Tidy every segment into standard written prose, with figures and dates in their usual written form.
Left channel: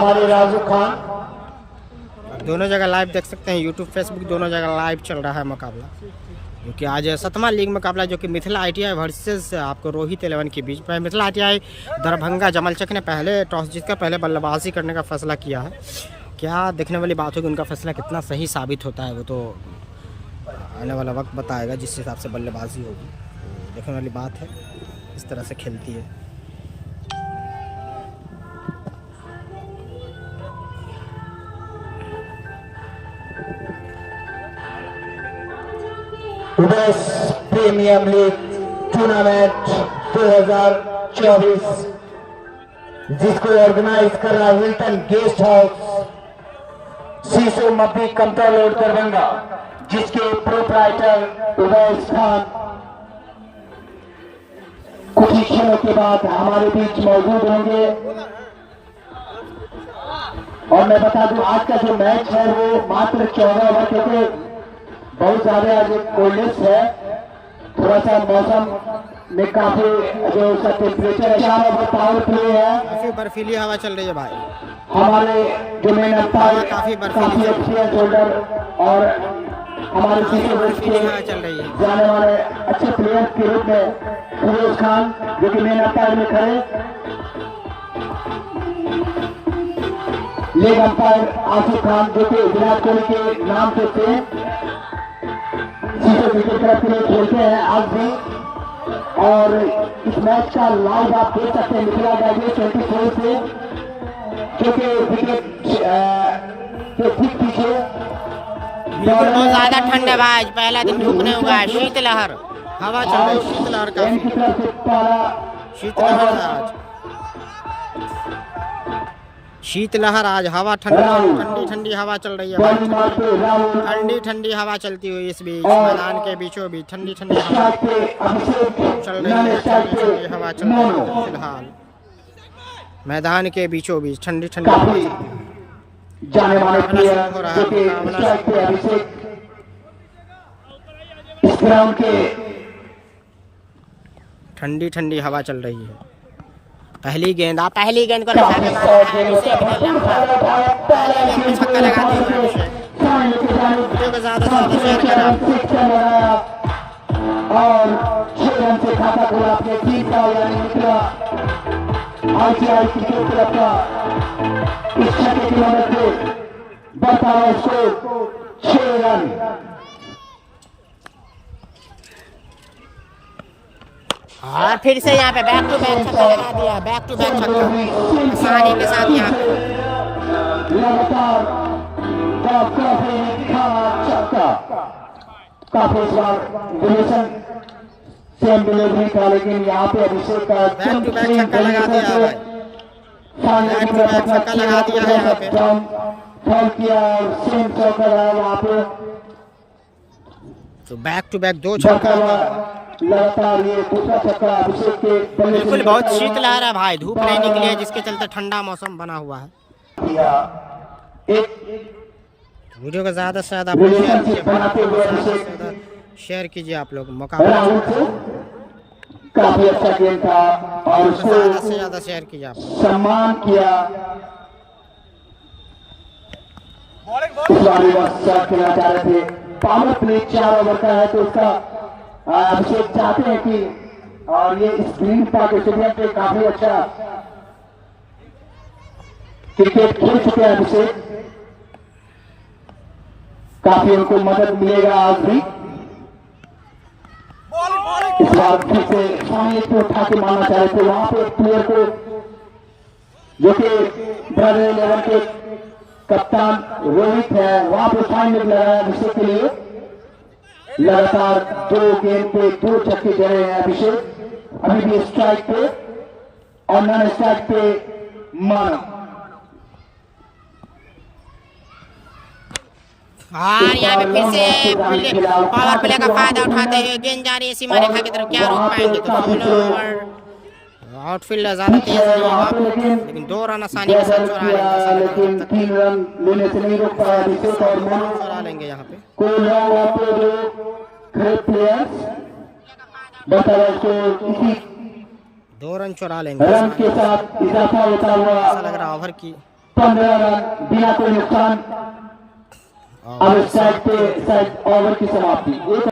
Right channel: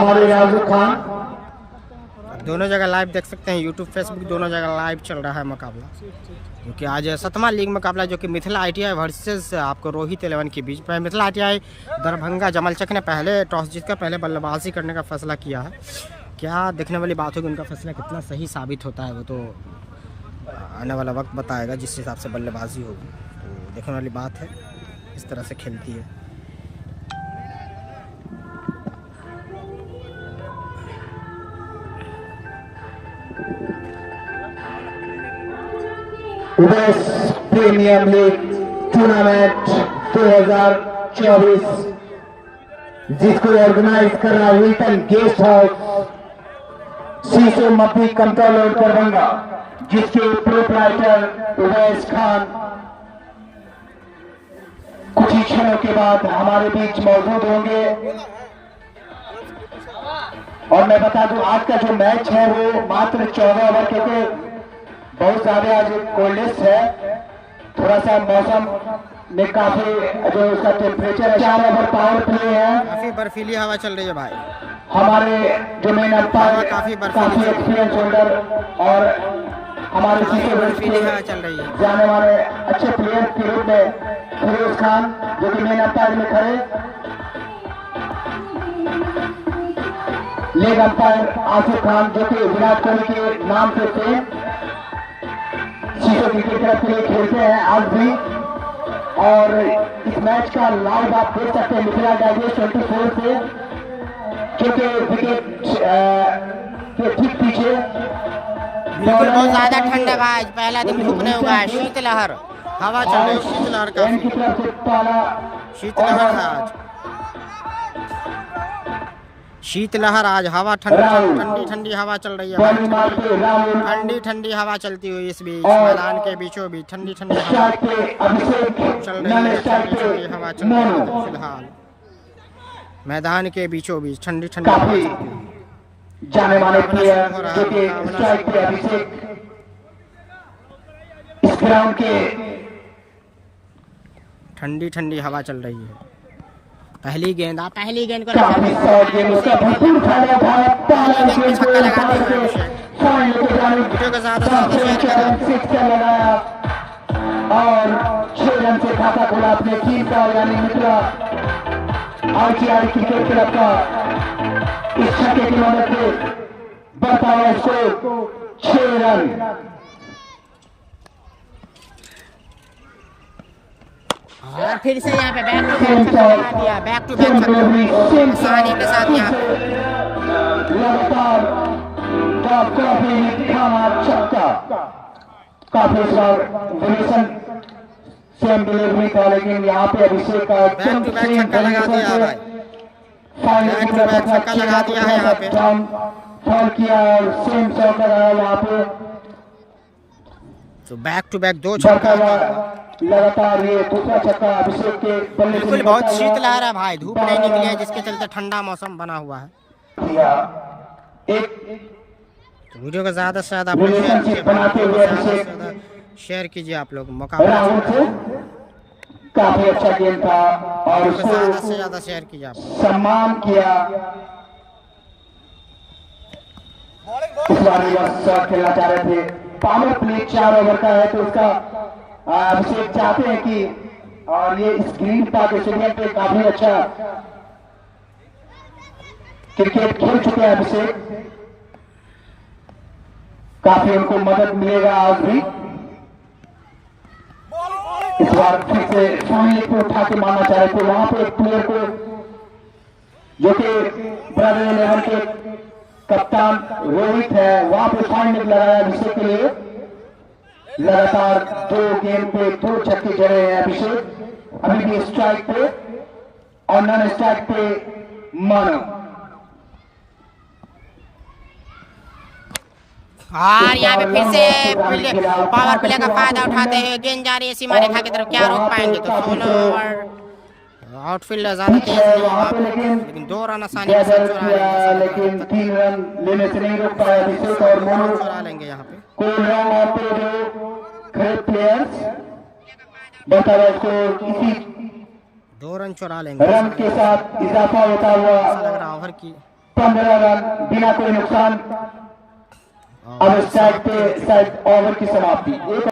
हमारे राजू खान। दोनों जगह लाइव देख सकते हैं, यूट्यूब फेसबुक दोनों जगह लाइव चल रहा है मुकाबला, जो कि आज 7वां लीग मुकाबला जो कि मिथिला ITI वर्सेस आपको रोहित 11 के बीच में। मिथिला ITI दरभंगा जमलचक ने पहले टॉस जीतकर पहले बल्लेबाजी करने का फैसला किया है। क्या देखने वाली बात होगी, उनका फैसला कितना सही साबित होता है वो तो आने वाला वक्त बताएगा, जिस हिसाब से बल्लेबाजी होगी। तो देखने वाली बात है इस तरह से खेलती है। प्रीमियर लीग टूर्नामेंट 2024 जिसको ऑर्गेनाइज कर रहा विल्टन गेस्ट हाउस शीशो मप्पी कंट्रोल रोड दरभंगा, जिसके प्रोप्राइटर उवैस खान कुछ ही क्षणों के बाद हमारे बीच मौजूद होंगे। और मैं बता दूं आज का जो मैच है वो मात्र 14 ओवर, क्योंकि बहुत ज्यादा आज कोल्डनेस है, थोड़ा सा मौसम में काफी जो उसका टेम्परेचर है। 4 ओवर पावर प्ले है, काफी बर्फीली हवा चल रही है भाई। हमारे जो मेन अंपायर काफी एक्सपीरियंस होल्डर और हमारे बर्फीली हवा चल रही है जाने वाले अच्छे प्लेयर के रूप में फिरोज खान जो कि मेन अंपायर में खड़े, लेग अंपायर आसिफ खान जो कि विराट कोहली के नाम से थे शीशो क्रिकेट क्लब के लिए खेलते हैं आज भी। और इस मैच का लाइव आप देख सकते हैं मिथिला डाइजेस्ट 24 से, जो कि विकेट के ठीक पीछे। बिल्कुल बहुत ज्यादा ठंड है भाई, पहला दिन धूप नहीं होगा, शीतलहर हवा चल रही है, शीतलहर काफी शीतलहर है आज, शीतलहर आज हवा ठंडी ठंडी हवा चल रही है भाई। ठंडी ठंडी हवा चलती हुई इस बीच मैदान के बीचों बीच ठंडी ठंडी हवा चल रही है, ठंडी ठंडी हवा चल रही है फिलहाल मैदान के बीचों बीच ठंडी ठंडी हवा चलती हुई। मुकाबला शुरू हो रहा है, मुकाबला शुरू ठंडी ठंडी हवा चल रही है। पहली गेंद को पहली गेंद पे छक्का लगाते हुए अभिषेक। वीडियो को ज्यादा से ज्यादा शेयर करें आप। और 6 रन से खाता खोला अपने टीम का, यानी मिथिला ITI क्रिकेट क्लब का। इस छक्के की मदद से बढ़ता हुआ स्कोर 6 रन। और फिर से यहाँ पे बैक टू बैक छक्का लगा दिया, बैक टू बैक छक्का आसानी के साथ यहाँ पे लगातार छक्का। काफी इस बार डिलीशन सेम डिलीवरी था, लेकिन यहाँ पे अभिषेक का बैक टू बैक छक्का लगा दिया भाई, बैक टू बैक छक्का लगा दिया है यहाँ पे। फॉल किया और सेम शॉट लगाया वहाँ पे, तो बैक टू बैक 2 छक्का लगातार ये दूसरा छक्का अभिषेक के बल्ले। बिल्कुल बहुत शीतलहर है भाई, धूप नहीं निकली है जिसके चलते ठंडा मौसम बना हुआ है। तो वीडियो को ज्यादा से ज्यादा आप लोग शेयर कीजिए भाई, वीडियो को ज्यादा से ज्यादा शेयर कीजिए आप लोग। मुकाबला चल रहा है, काफी अच्छा गेम था और वीडियो को ज्यादा से ज्यादा शेयर कीजिए आप लोग। सम्मान किया। इस बार रिवर्स शॉट खेलना चाह रहे थे, पावर प्ले 4 ओवर का है, तो उसका अभिषेक चाहते हैं कि और ये स्क्रीन पाक स्टेडियम पे काफी अच्छा क्रिकेट खेल चुके हैं अभिषेक, काफी उनको मदद मिलेगा आज भी। इस बार फिर से सामने को उठा के मारना चाह रहे थे, वहां पे एक प्लेयर को जो कि ब्रदर 11 के कप्तान रोहित है, वहां पे फाइन लगाया अभिषेक के लिए। लगातार 2 गेंद पे 2 छक्के जड़े हैं अभिषेक, अभी भी स्ट्राइक पे और नॉन स्ट्राइक पे मानो। और यहाँ पे फिर से पावर प्ले का फायदा उठाते हुए गेंद जा रही है सीमा रेखा की तरफ, क्या रोक पाएंगे? तो 16 ओवर आउटफील्डर ज्यादा तेज नहीं है वहाँ पे, लेकिन 2 रन आसानी के साथ चुरा लेंगे, ऐसा लग रहा है। 3 रन लेने से नहीं रोक पाया अभिषेक और मोनू चुरा लेंगे यहाँ पे। कोई लॉन्ग ऑफ पे जो ग्रेट प्लेयर्स बता रहा है इसी 2 रन चुरा लेंगे रन के साथ इजाफा होता हुआ ऐसा लग रहा है। ओवर की 15 रन बिना कोई नुकसान। अब इस साइड पे शायद ओवर की समाप्ति। एक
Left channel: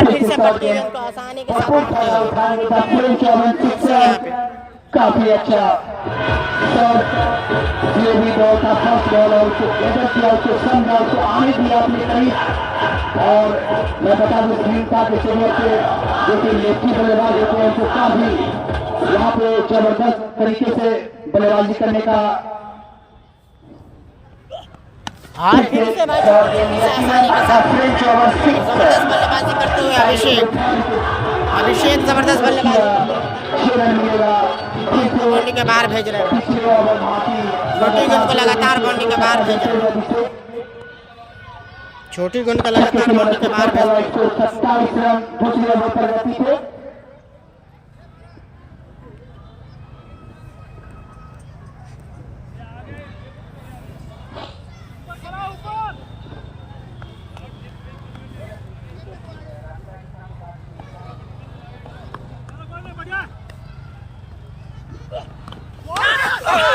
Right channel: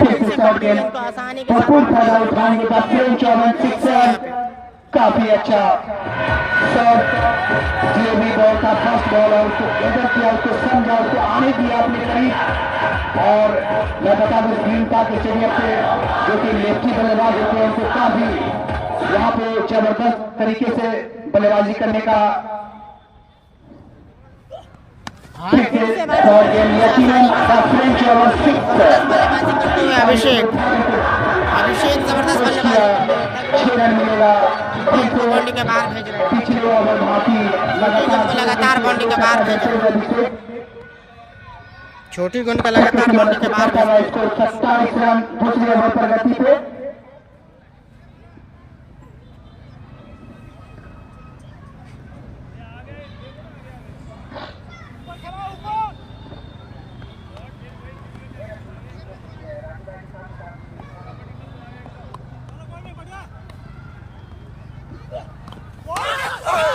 फिर से पकड़ी इनको आसानी के साथ फायदा उठाएंगे फ्रेंच ओवन 6 काफी अच्छा शॉट। ये भी बॉल का फर्स्ट बॉल और उसको बदल किया, उसको समझा, उसको आने दिया अपने करीब। और मैं बता दूं श्रीलंका के स्टेडियम पे जो कि लेफ्टी बल्लेबाज होते हैं उनको काफी यहाँ पे जबरदस्त तरीके से बल्लेबाजी करने का फिर से फ्रेंच ओवर 6 बल्लेबाजी करते हुए अभिषेक जबरदस्त बल्लेबाजी 6 रन मिलेगा। बाउंड्री के बाहर भेज रहे हैं, पिछले ओवर भारतीय को लगातार बाउंड्री के बाहर भेज रहे हैं, छोटी गेंद का लगातार बाउंड्री के बाहर भेज रहे हैं। 27 रन दूसरे ओवर पर गति पे।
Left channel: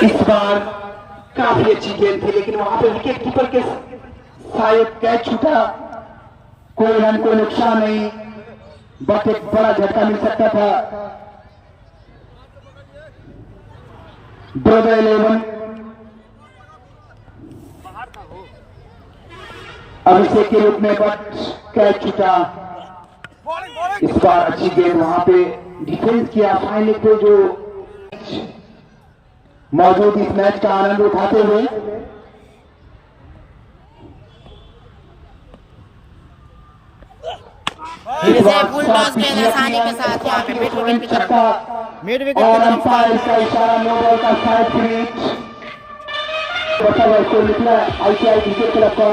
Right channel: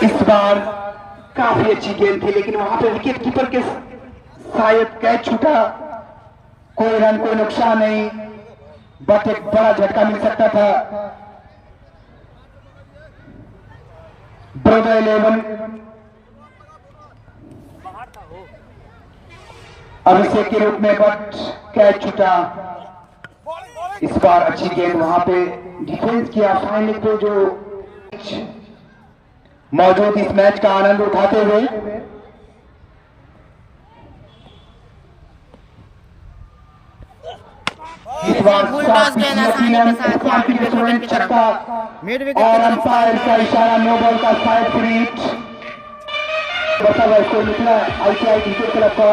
इस बार काफी अच्छी गेंद थी लेकिन वहां पे विकेट कीपर के शायद कैच छूटा। कोई रन कोई नुकसान नहीं, बट एक बड़ा झटका मिल सकता था। ब्रदर 11 अभिषेक के रूप में, बट कैच छूटा। इस बार अच्छी गेंद वहां पे डिफेंस किया फाइनल पे जो मौजूद इस मैच का आनंद उठाते हुए फुल टॉस गेंद आसानी के साथ मिड विकेट की तरफ, मिड विकेट की तरफ का इशारा, नो बॉल का साइड फिनिश। बचा हुआ उसको निकला आईसीआई क्रिकेट क्लब का